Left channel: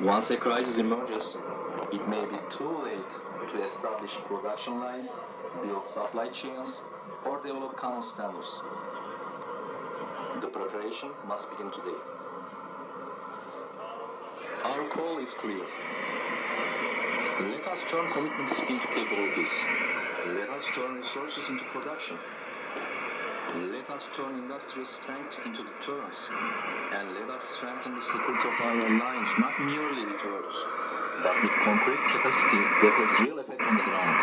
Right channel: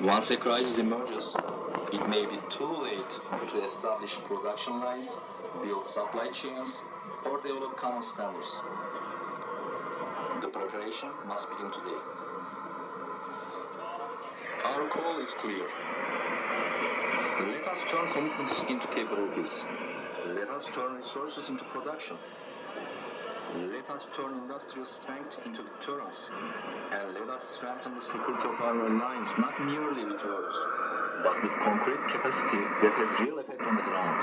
Once a crisis emerges, it may be too late to establish production lines, build supply chains, or develop common standards. The preparation must begin today. Our call is clear. Let us turn commitments into capabilities. Let us turn resources into production. Let us turn industrial strength into deterrence. And let us strengthen the security of our lines, not merely with words, but with concrete capacity that has real effect on the ground.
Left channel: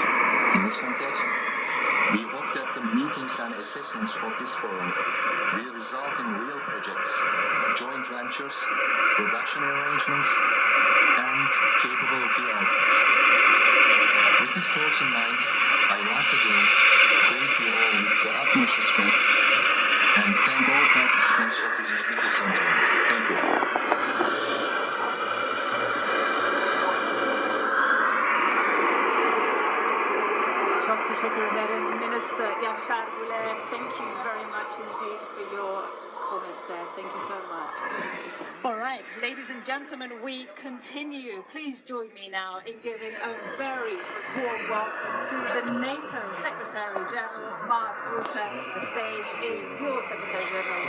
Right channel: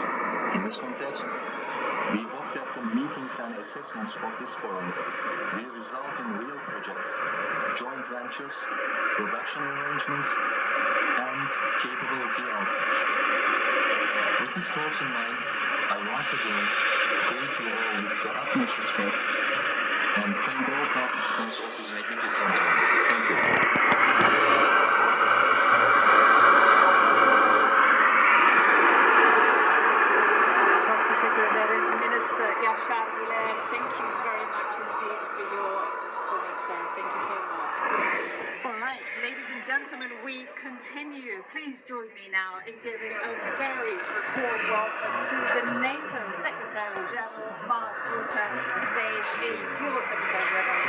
In this context, we hope that the meetings and assessments of this forum will result in real projects, joint ventures, production arrangements, and capability outputs. With these thoughts in mind, I once again greet you all with the utmost respect and thank all participants of this magnificent event. Thank you. Çok teşekkür ederim. Minister Yaşar Bile, thank you very much indeed for your comments there. Thank you so much. All right, ladies and gentlemen, we continue. Please join me now in giving a very warm welcome to the NATO Secretary General, Mark Rutte. The stage is yours, Secretary General.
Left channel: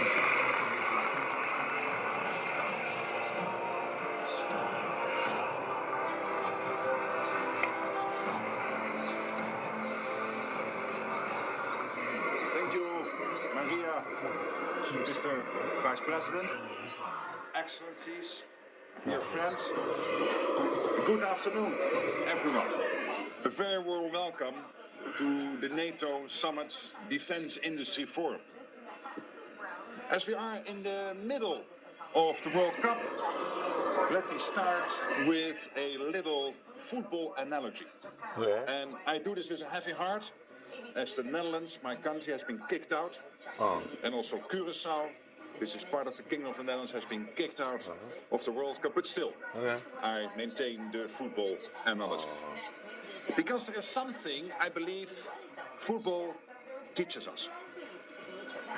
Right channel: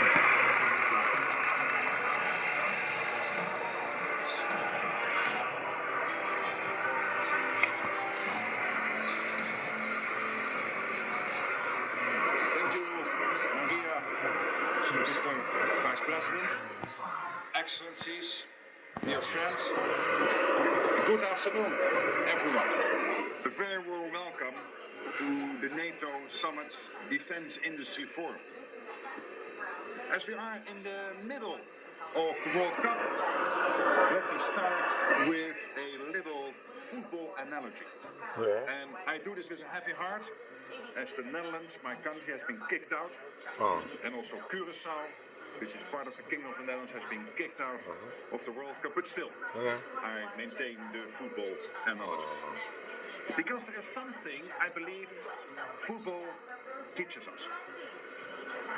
Mr. Vice President, Excellencies, dear friends, good afternoon, everyone. A very warm welcome to the NATO Summit Defense Industry Forum. As we are in the middle of the World Cup, let me start with a little football analogy. Yeah. And I do this with a heavy heart, as the Netherlands, my country, has been kicked out. And also Curaçao, which is part of the Kingdom of the Netherlands, has been kicked out of the World Cup. But still, I maintain the football analogy. Because there is something I believe football teaches us.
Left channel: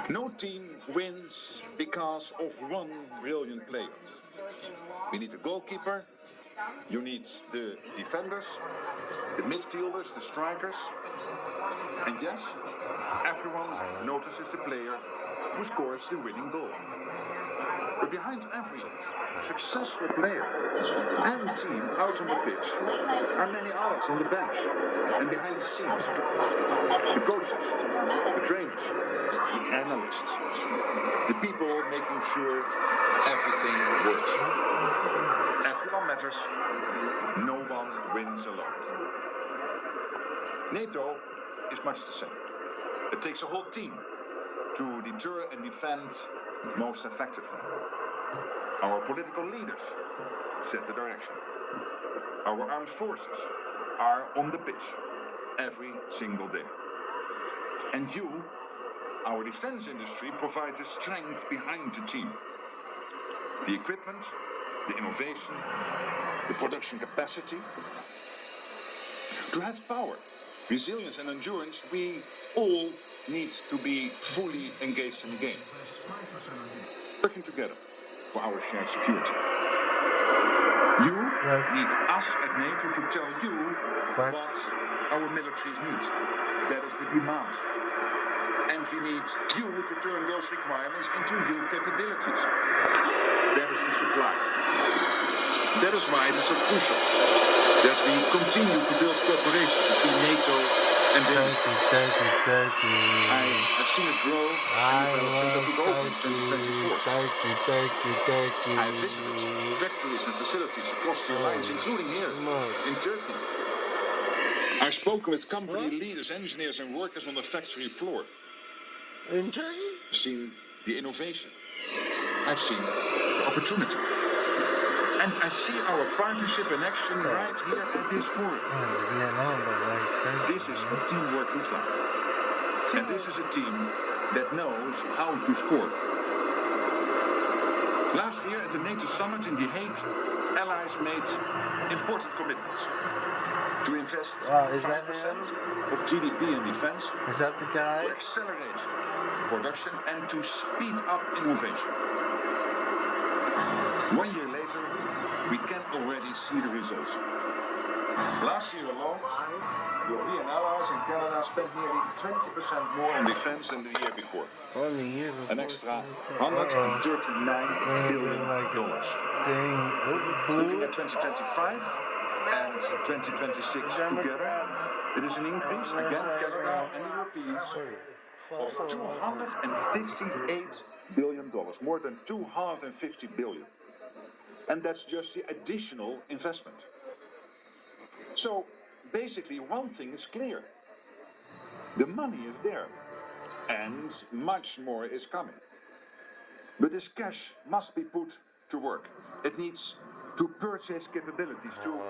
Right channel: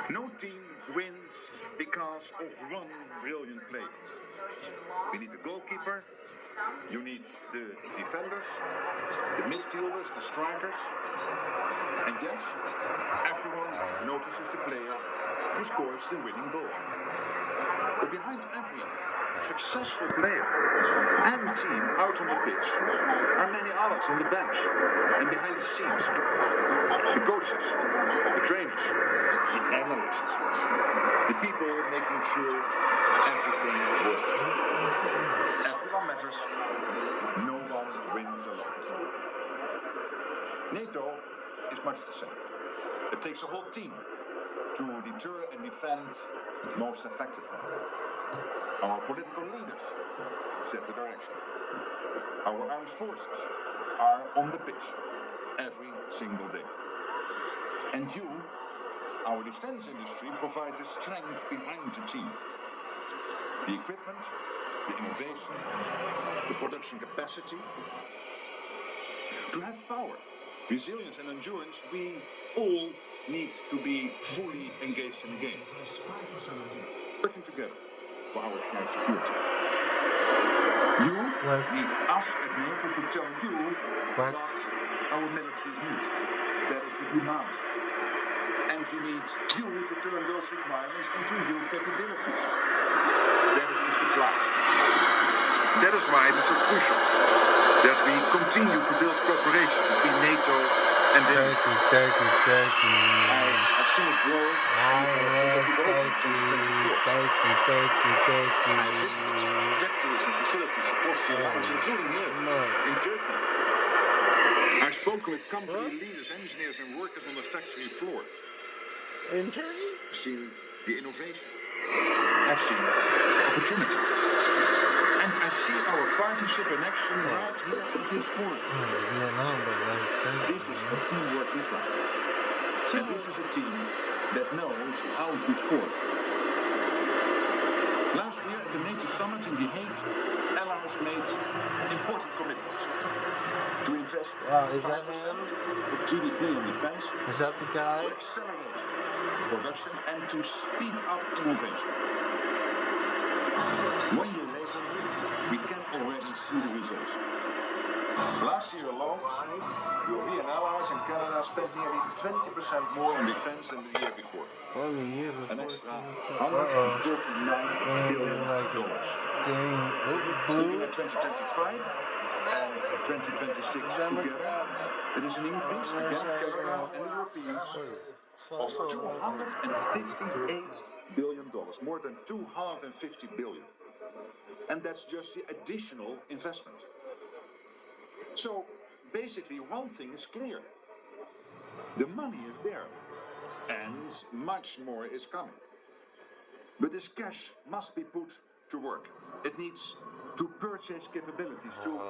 No team wins because of one brilliant player. We need a goalkeeper, you need the defenders, the midfielders, the strikers. And yes, everyone notices the player who scores the winning goal. But behind every successful player and team out on the pitch are many others on the bench and behind the scenes. The coaches, the trainers, the analysts, the people making sure everything works. Everyone matters. No one wins alone. NATO is much the same. It takes a whole team to deter and defend most effectively. Our political leaders set the direction. Our armed forces are on the pitch every single day. And you, our defense industry, provide the strength behind the team. The equipment, the innovation, the production capacity. To have power, resilience and endurance, we all need to be fully engaged in the game. Working together for our shared security. You need us at NATO to tell you what our militaries need. That is the demand. And we need you to turn those requirements into real capabilities. That is the supply. That is why it is so crucial that we continue to build cooperation between NATO and the industry. I've seen it grow. I have visited factories and facilities across the lines, including here in Turkey. I've spoken with company leaders, engineers and workers on the factory floor. In Turkey? I've seen the innovation. I've seen opportunity. And I see our partnership in action right here at this forum. This is what teamwork looks like. And this is a team that knows how to score. Last year at the NATO summit in The Hague, allies made important commitments to invest Is that him? of GDP in defense, Is that the guy? to accelerate production and to speed up innovation. 1 year later, we can spent nearly 20% more on defense than the year before. On the year before. An extra $139 billion. Like a dang Looking at 2025 and 2026 together, it is an increase again, Qatar and the Europeans, of $258 billion, more than $250 billion. And that's just the additional investment. So basically one thing is clear. The money is there and much more is coming. But this cash must be put to work. It needs to purchase capabilities to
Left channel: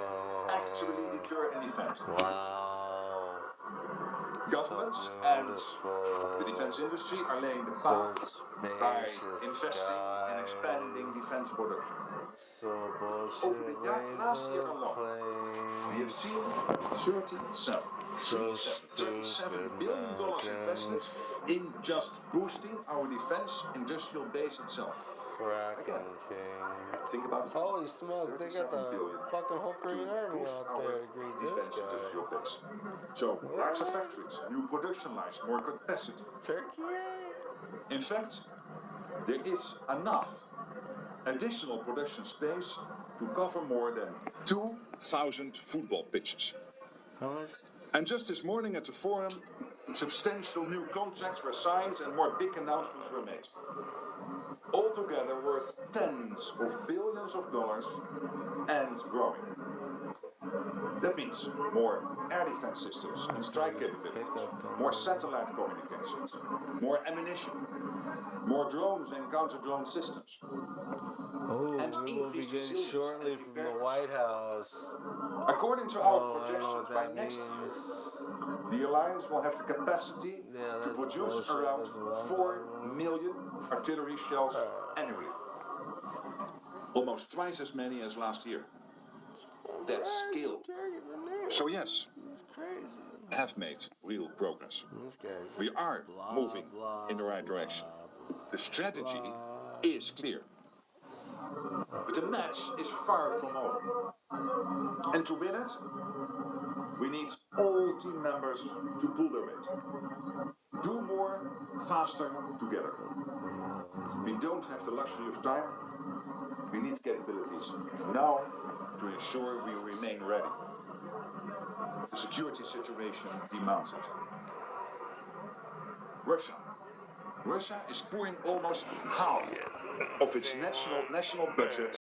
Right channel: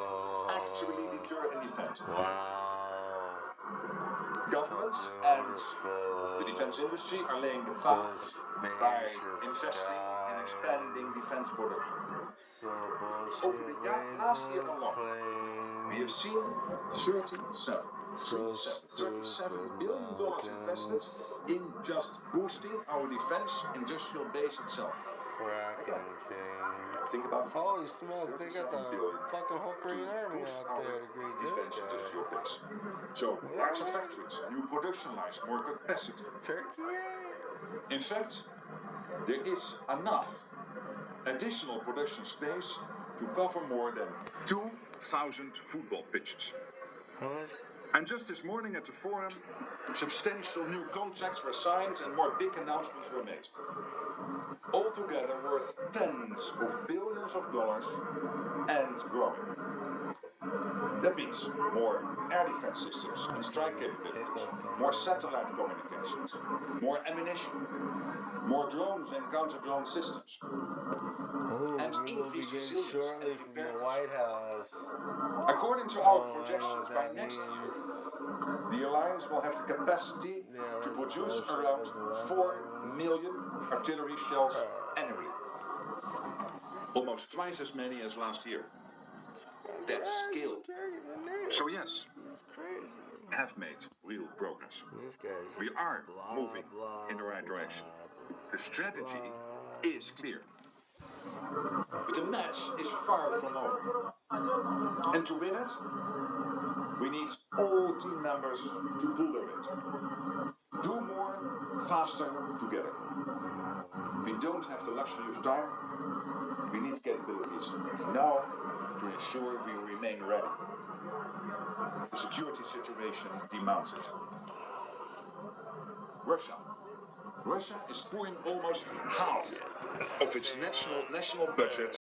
actually deter and defend. Wow. Governments and the defense industry are laying the path by investing in expanding defense production. Over the last year alone, we have seen $37 billion invested in just boosting our defense industrial base itself. Again, think about it. Holy smokes, they got the fucking whole Korean army out there to greet this guy. Industrial base. So, larger factories, new production lines, more capacity. Turkey? In fact, there is enough additional production space to cover more than 2,000 football pitches. How much? And just this morning at the forum, substantial new contracts were signed and more big announcements were made. Altogether worth tens of billions of dollars and growing. That means more air defense systems and strike capabilities, more satellite communications, more ammunition, more drones and counter-drone systems. Oh, And we will be increased getting shortly from the White House. According to our I don't know projections, what by that next year, means. the alliance will have the capacity to produce around 4 million artillery shells annually. Almost twice as many as last year. That's scale. So yes, we have made real progress. We are moving in the right direction. The strategy is clear. But the match is far from over. And to win it, we need all team members to pull their weight. Do more, faster, together. We don't have the luxury of time. We need capabilities now to ensure we remain ready. The security situation demands it. Russia is pouring almost half of its national budget